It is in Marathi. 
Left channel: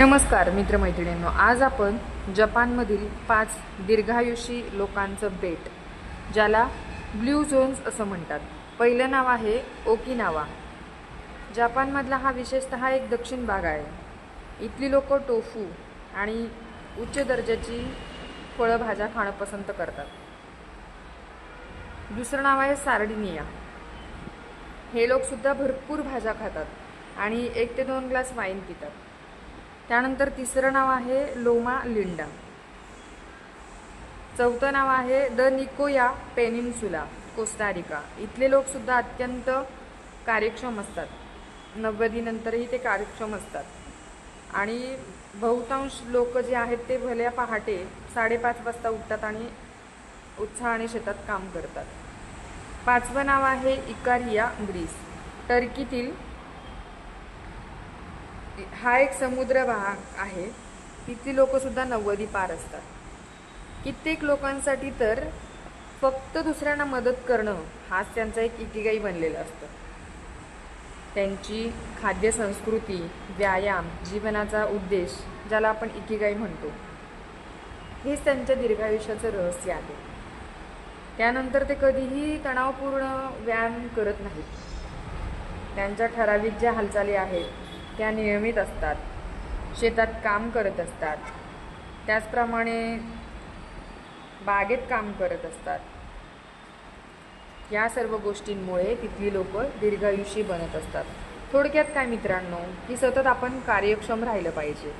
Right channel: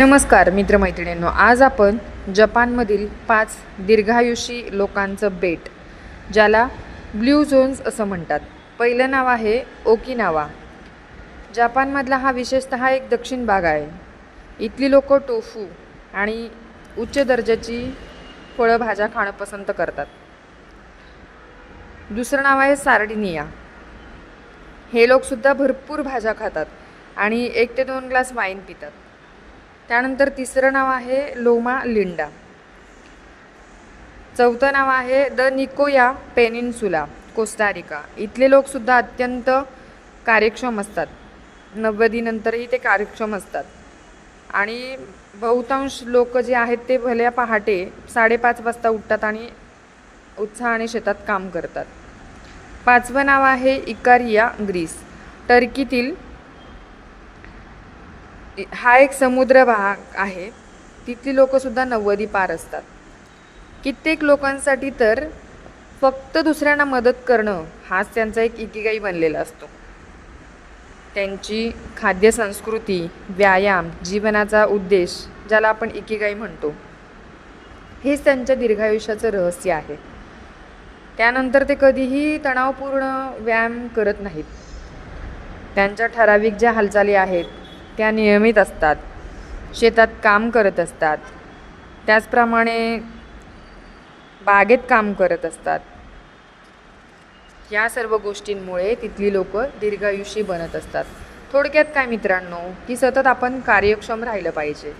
नमस्कार मित्रमैत्रिणींनो, आज आपण जपानमधील 5 दीर्घायुषी लोकांचं बेट, ज्याला ब्ल्यू झोन्स असं म्हणतात. पहिलं नाव आहे ओकिनावा. जपानमधला हा विशेषतः एक दक्षिण भाग आहे. इथली लोक टोफू आणि उच्च दर्जाची फळभाज्या खाणं पसंत करतात. दुसरं नाव आहे सार्डिनिया. हे लोकसुद्धा भरपूर भाज्या खातात आणि 1 ते 2 ग्लास वाईन पितात. त्यानंतर तिसरं नाव आहे लोमा लिंडा. चौथं नाव आहे द निकोया पेनिन्सुला, कोस्टारिका. इथले लोकसुद्धा अत्यंत कार्यक्षम असतात. 90 नंतरही ते कार्यक्षम असतात आणि बहुतांश लोक जे आहेत ते भल्या पहाटे 5:30 वाजता उठतात आणि उत्साहाने शेतात काम करतात. पाचवं नाव आहे इकारिया, ग्रीस. टर्कीतील हा एक समुद्र भाग आहे. तिथली लोकसुद्धा 90 पार असतात. कित्येक लोकांसाठी तर फक्त दुसऱ्यांना मदत करणं हाच त्यांचा एक इकिगाई बनलेला असतो. त्यांची खाद्य संस्कृती, व्यायाम, जीवनाचा उद्देश, ज्याला आपण इकिगाई म्हणतो, हेच त्यांच्या दीर्घायुष्याचं रहस्य आहे. त्यानंतर ते कधीही तणावपूर्ण व्यायाम करत नाहीत. त्यांच्या ठराविक ज्या हालचाली आहेत त्या नियमित असतात. शेतात काम करत असतात, त्याचप्रमाणे बागेत काम करत असतात. या सर्व गोष्टींमुळे तिथली लोक दीर्घायुषी बनत असतात. थोडक्यात काय मित्रांनो, की सतत आपण कार्यक्षम राहिलं पाहिजे.